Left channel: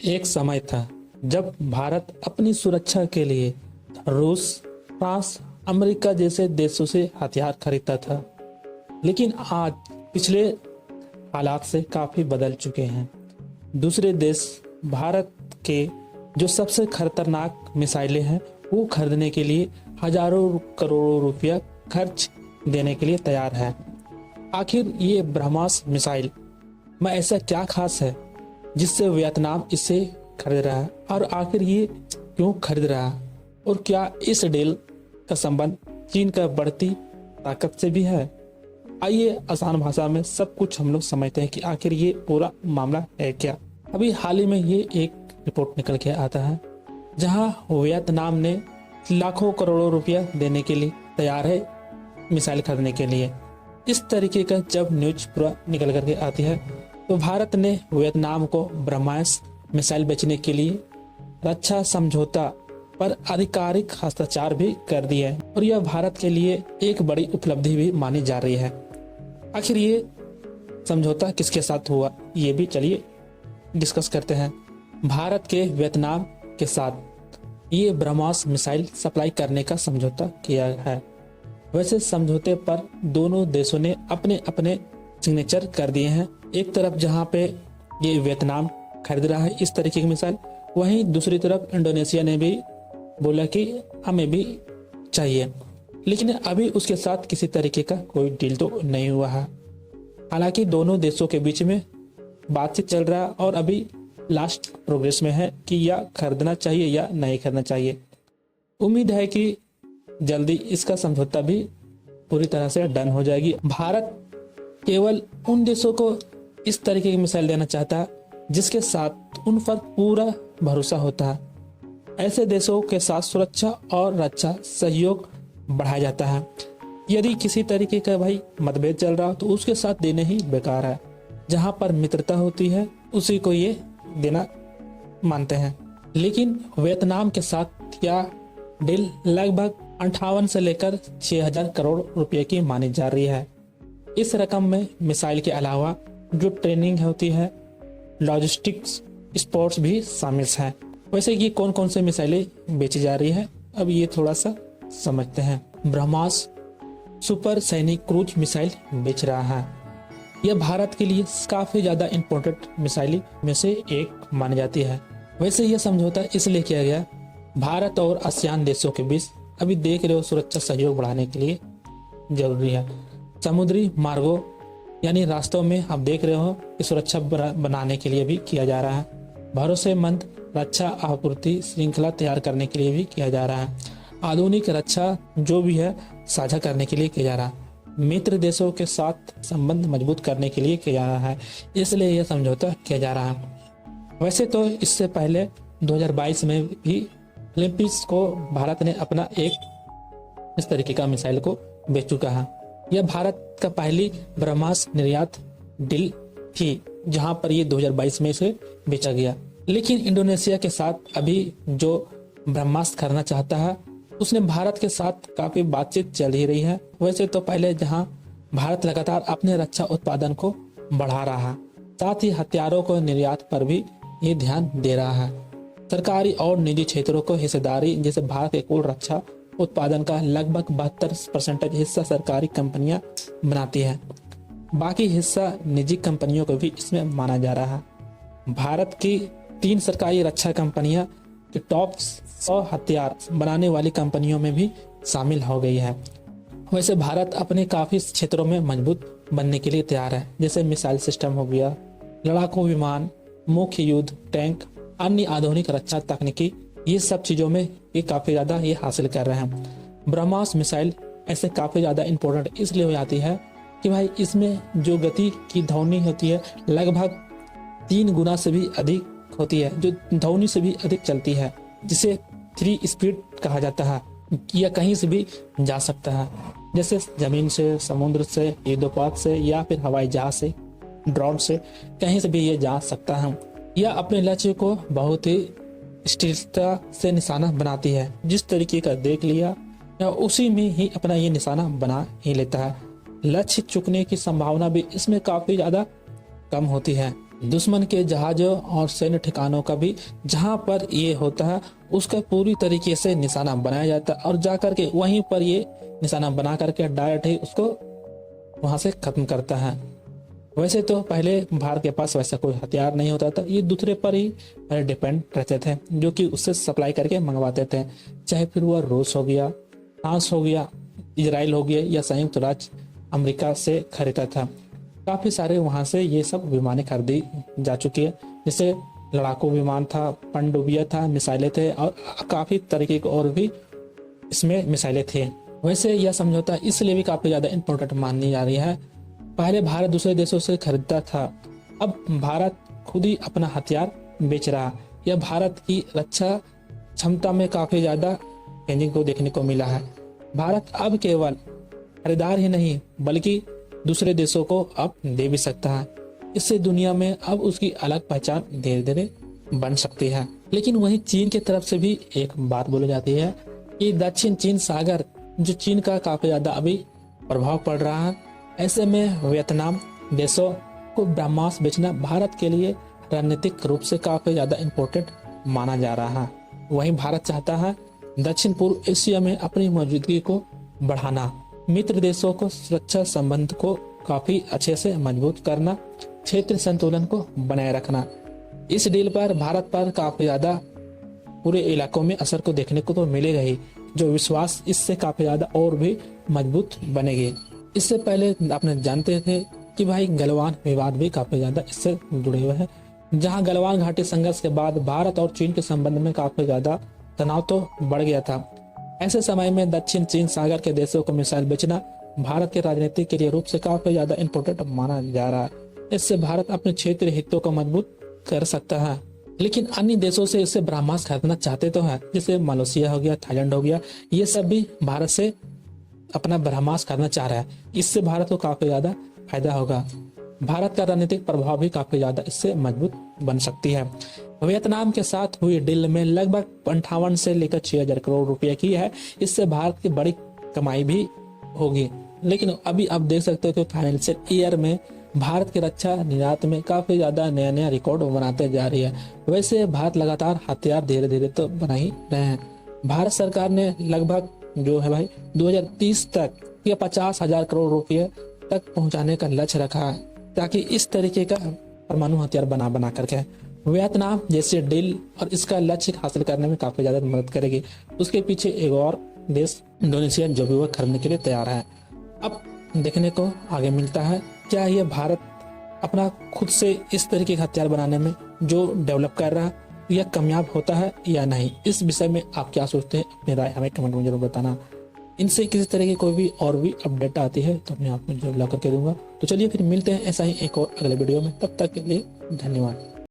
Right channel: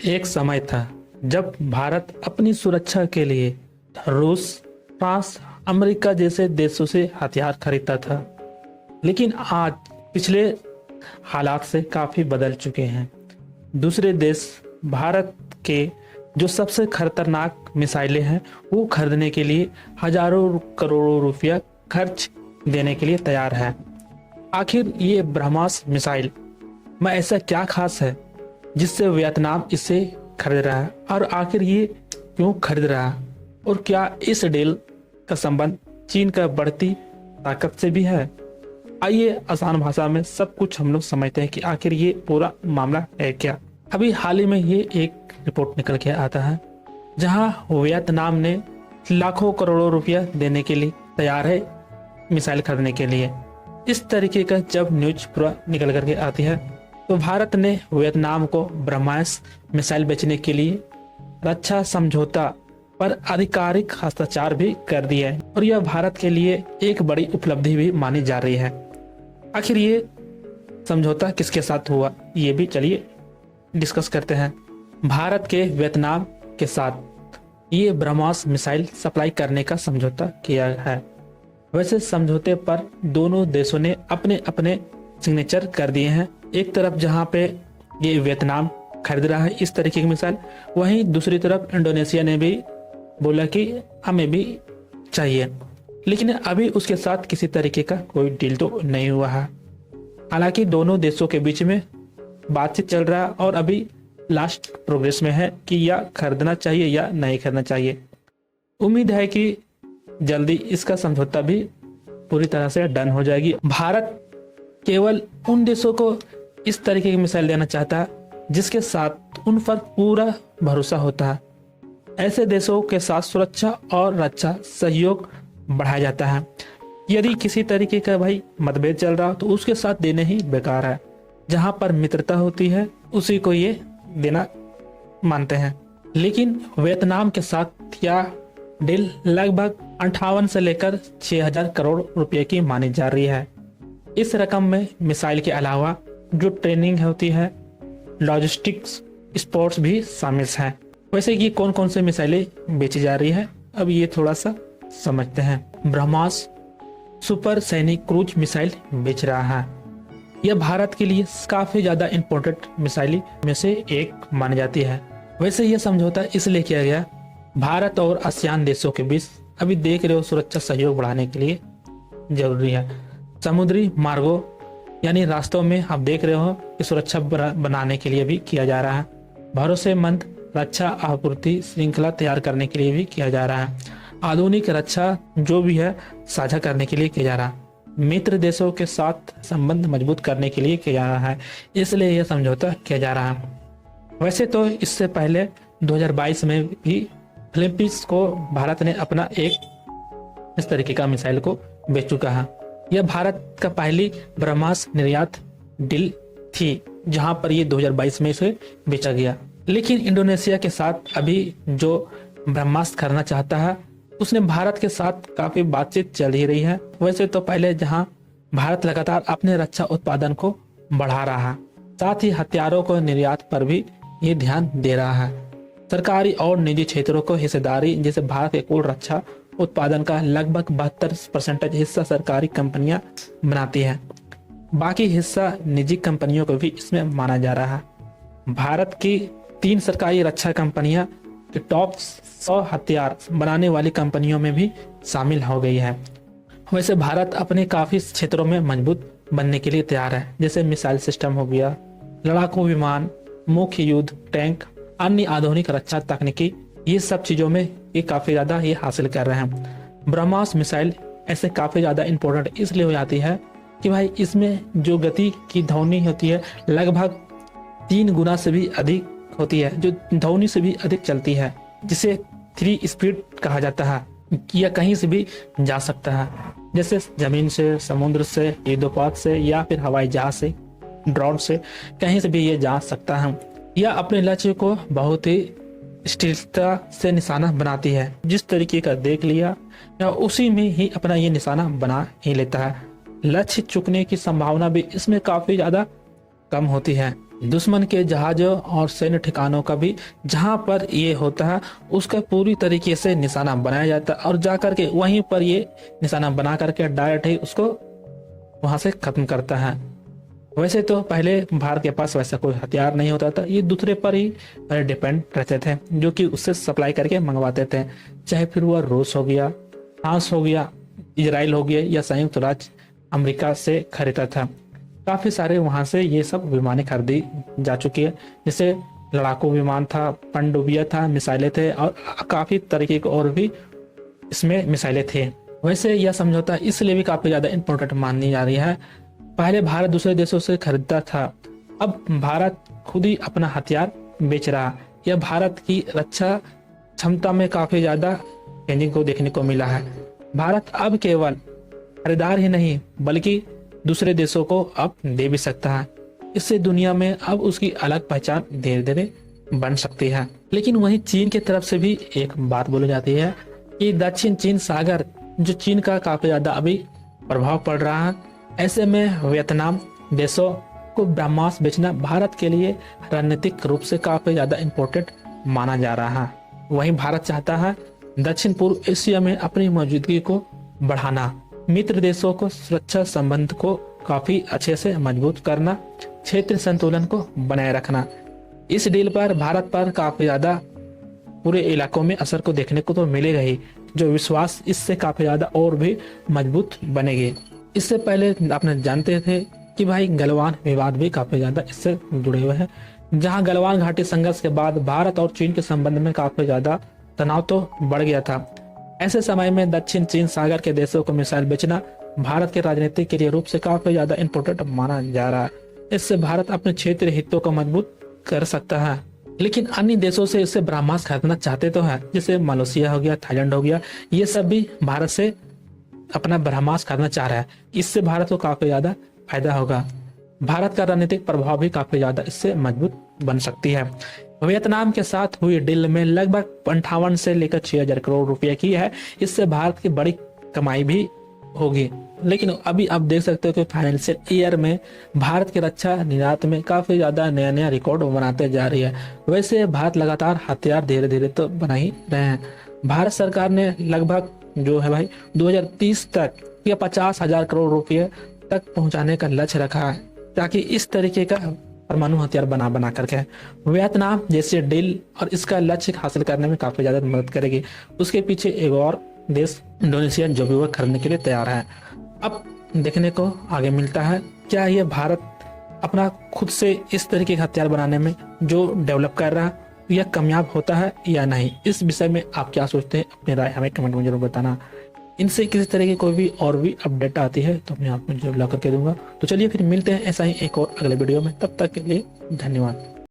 एक समय था जब भारत अपनी सुरक्षा के लिए रूस, फ्रांस, अमेरिका जैसे देशों से हथियार खरीदता था। लेकिन आज पिछले हालात से काफी बदल चुके हैं। दूसरे देश भारत के जो सबसे खतरनाक मिसाइलें हैं वो खरीदने के लिए हजारों करोड़ों रुपया खर्च देने के लिए तैयार है। आखिर ये ब्रह्मास्त्र मिसाइल में ऐसा क्या खास है जिससे वियतनाम इसे खरीद रहा है, और आखिर ये क्यों खरीद रहा है, और क्या इस डील का संबंध चीन का बढ़ती ताकत से भी है? आइए आसान भाषा में सब कुछ हम लोग समझते हैं कि आखिर ये पूरा मामला है क्या। अभी हाल ही में ये एक रिपोर्ट निकल के आता है जहां वियतनाम ने लाखों करोड़ों रुपया देने के लिए तैयार है मिसाइल खरीदने के लिए। इस तरीके का जब न्यूज पूरा निकल करके आती है तो भारत ने वियतनाम को ब्रह्मास्त्र मिसाइल बेचने के लिए रक्षा समझौता पर आधिकारिक हस्ताक्षर भी कर दिया है, और यह भारत के लिए एक बड़ी उपलब्धि भी मानी जा रही है। आखिर ये समझौता किसके साथ हुआ ये भी चलिए डिस्कस करते हैं। भारत के वियतनाम के साथ ये ब्रह्मास्त्र मिसाइल सप्लाई करने का समझौता किया है। वैसे समझौते पर दोनों देशों ने अपने अपने सिग्नेचर कर दिए हैं। एक तरफ जहां पे ये वियतनाम खरीद रहा है इस तरीके की मिसाइल, वहीं दूसरी तरफ इंडोनेशिया ने भी बोला कि हमें भी चाहिए, लेकिन अभी उसके साथ किसी तरीके का कोई डील तो नहीं हुआ है। हालांकि दोनों देशों के बीच में बातचीत चल रहा है और अभी लास्ट प्रोग्रेस में है कि या खरीदना चाहिए या नहीं खरीदना चाहिए। उम्मीद है कि जल्दी इसका समझौता भी पूरी तरह से डन हो जाएगी। भारत केवल उन देशों को इस तरीके की मिसाइल देना चाहता है जिसके साथ उन पर पूरा भरोसा होता है। ऐसे देशों के साथ सुरक्षा और रक्षा सहयोग बढ़ाया जाता है। यदि किसी तरीके का भाई मतभेद चल रहा हो तो उसके साथ देने ही बेकार है। जहां पर मित्रता होती है उसी को ये देना मानते हैं। लेकिन वियतनाम के साथ यह डील लगभग 58 से लेकर 6000 करोड़ रुपए की मानी जा रही है। इस रकम में मिसाइल के अलावा जो ट्रेनिंग होती है, लॉजिस्टिक्स, स्पोर्ट्स भी शामिल हैं। वैसे ये कौन कौन से मिसाइलें बेची जा रही है अब ये थोड़ा सा समझते हैं। ब्रह्मास्त्र सुपर सैनिक क्रूज मिसाइल बेच रहा है। यह भारत के लिए काफी ज्यादा इम्पोर्टेंट मिसाइल में से एक मानी जाती है। वैसे यह समझौता इसलिए किया गया, भारत और आसियान देशों के बीच अभी देख रहे हो सुरक्षा सहयोग बढ़ाने के लिए जरूरी है। समुद्री मार्गों यानी रास्तों में आप देख रहे हो कि सुरक्षा बनाने के लिए भी किया जा रहा है। भरोसेमंद रक्षा आपूर्ति श्रृंखला तैयार करने के लिए भी किया जा रहा है। आधुनिक रक्षा जो भी है साझा करने के लिए किया जा रहा है। मित्र देशों के साथ संबंध मजबूत करने के लिए किया जा रहा है, इसलिए यह समझौता किया जा रहा है। वैसे तो इससे पहले 2022 में भी ओलंपिक्स को भारत ने अपना एक इस तरीके का मिसाइल को बेच चुका है। यह भारत का पहली ब्रह्मास्त्र निर्यात डील थी जहां पर ये 2022 में इसे बेचा गया। लेकिन इंडोनेशिया के साथ अभी जो ब्रह्मास्त्र करना चाहता है उसने भारत के साथ काफी बातचीत चल ही रही है। वैसे तो पहले जहां भारत लगातार अपने रक्षा उत्पादन को बढ़ा रहा है, साथ ही हथियारों को निर्यात पर भी ये ध्यान दे रहा है। सरकारी और निजी क्षेत्रों को हिस्सेदारी, जैसे भारत के कुल रक्षा उत्पादन का लगभग 72% हिस्सा सरकारी कंपनियां बनाती हैं, बाकी हिस्सा निजी कंपनियों को भी इसमें माना जा रहा है। भारत की 3 सरकारी रक्षा कंपनियां टॉप 100 हथियार बनाने वाली कंपनियों में भी शामिल हो गई है। वैसे भारत अपने काफी क्षेत्रों में मजबूत बनने के लिए तैयार है, जैसे मिसाइल सिस्टम हो गया, लड़ाकू विमान, मुख्य युद्ध टैंक, अन्य आधुनिक रक्षा तकनीकी, ये सब चीजों में ये काफी ज्यादा ये हासिल कर रहे हैं। ब्रह्मास्त्र मिसाइल ऐसे काफी ज्यादा इम्पोर्टेंट इसलिए हो जाती है कि भाई इसमें जो गति की ध्वनि होती है लगभग 3 गुना से भी अधिक होती है, जो ध्वनि से भी अधिक चलती है, जिसे 3 स्पीड कहा जाता है। यह कहीं से भी जा सकता है, जैसे जमीन से, समुद्र से, युद्धपोत से या फिर हवाई जहाज से, ड्रोन से, कहीं से भी ये जा सकता है। यह अपने लक्ष्य को बहुत ही स्थिरता से निशाना बनाती है। जिस तरीके का देख लिया या उसी में ही अपना ये निशाना बना ही लेता है। लक्ष्य चुकने की संभावना भी इसमें काफी ज्यादा कम होती है। दुश्मन के जहाजों और सैन्य ठिकानों का भी जहां पर ये होता है उसका पूरी तरीके से निशाना बनाया जाता है और जाकर के वहीं पर ये निशाना बना करके डायरेक्ट ही उसको वहां से खत्म करता है। वैसे तो पहले भारत के पास वैसा कोई हथियार नहीं होता था, ये दूसरे पर ही पहले डिपेंड रहते थे जो कि उससे सप्लाई करके मंगवाते थे, चाहे फिर वह रूस हो गया, फ्रांस हो गया, इजराइल हो गया या संयुक्त राज्य अमेरिका से खरीदा था। काफी सारे वहां से ये सब विमानें खरीदी जा चुकी है, जैसे लड़ाकू विमान था, पनडुब्बियां था, मिसाइलें थे और काफी तरीके के और भी इसमें मिसाइलें थे। वैसे यह समझौता इसलिए भी काफी ज्यादा इम्पोर्टेंट मानी जा रही है, पहले भारत दूसरे देशों से खरीदता था, अब भारत खुद ही अपना हथियार बेच रहा। यह भारत की रक्षा क्षमता में काफी ज्यादा चेंजिंग को देखने को मिला है। भारत अब केवल खरीदार ही नहीं बल्कि दूसरे देशों को अब दे भी सकता है। इससे दुनिया में अब उसकी अलग पहचान धीरे धीरे बन सकती है। लेकिन वहीं चीन की तरफ से भी एक बात बोली जाती है कि दक्षिण चीन सागर जो चीन का काफी ज्यादा अभी प्रभाव पड़ रहा है, ऐसे में वियतनाम देशों को ब्रह्मास्त्र बेचना भारत के लिए रणनीतिक रूप से काफी ज्यादा इम्पोर्टेंट माना जा रहा है। वहीं भारत चाहता है दक्षिण पूर्व एशिया में अपनी मौजूदगी को बढ़ाना, मित्र देशों को सुरक्षा संबंध को काफी अच्छे से मजबूत करना, क्षेत्र संतुलन को बनाए रखना। इस डील पर भारत पर काफी ज्यादा पूरे इलाकों में असर को देखने को तो मिलेगा ही, जो विश्वास इससे काफी ज्यादा और भी मजबूत बनेगी। इससे पहले आपने जानते थे कि भाई गलवान विवाद भी काफी ज्यादा इससे जुड़े हुए हैं, जहां गलवान घाटी संघर्ष के बाद भारत और चीन के संबंध में काफी ज्यादा तनाव तो बढ़ गया था। ऐसे समय में दक्षिण चीन सागर के देशों को मिसाइल बेचना भारत के राजनीति के लिए रूप से काफी ज्यादा इम्पोर्टेंट माना जा रहा है। इससे भारत अपने क्षेत्रीय हितों को मजबूत कर सकता है। लेकिन अन्य देशों से इससे ब्रह्मास्त्र खरीदना चाहते तो है, जैसे मलेशिया हो गया, थाईलैंड हो गया, ये सब भी भारत से अपना ब्रह्मास्त्र खरीदना चाह रहा है। इससे भारत को काफी ज्यादा फायदा होगा। भारत का रणनीतिक प्रभाव भी काफी ज्यादा इससे मजबूत बन सकती है। वियतनाम के साथ हुई डील में लगभग 58 से लेकर 6,000 करोड़ रुपए की है। इससे भारत की बड़ी कमाई भी होगी। लेकिन अभी आप देख सकते हो कि फाइनेंशियल ईयर में भारत की रक्षा निर्यात में काफी ज्यादा नया नया रिकॉर्ड बनाते जा रही है। वैसे भारत लगातार हथियार धीरे धीरे तो बना ही रहे हैं। भारत सरकार ने लगभग जो है भाई 2030 तक या 50,000 करोड़ रुपए तक पहुंचाने का लक्ष्य रखा है, ताकि इस तरीके का परमाणु हथियार बना करके वियतनाम जैसे डील और इसका लक्ष्य हासिल करने में काफी ज्यादा मदद करेगी। उसके पीछे एक और देश इंडोनेशिया जो भी वह खरीदने के लिए तैयार है। अब देखने को आगे मिलता है क्या ये भारत अपना खुद से इस तरीके का हथियार बनाने में जो डेवलप कर रहा है यह कामयाब होता है या नहीं। इस विषय में आप क्या सोचते हैं, अपनी राय हमें कमेंट में जरूर बताना। इनसे किसी तरह की कोई भी और भी अपडेट आती है तो मैं आपको जरूर ला करके दूंगा। तो चलिए फिर मिलते हैं ऐसा ही एक और अगले वीडियो में, तब तक के लिए धन्यवाद।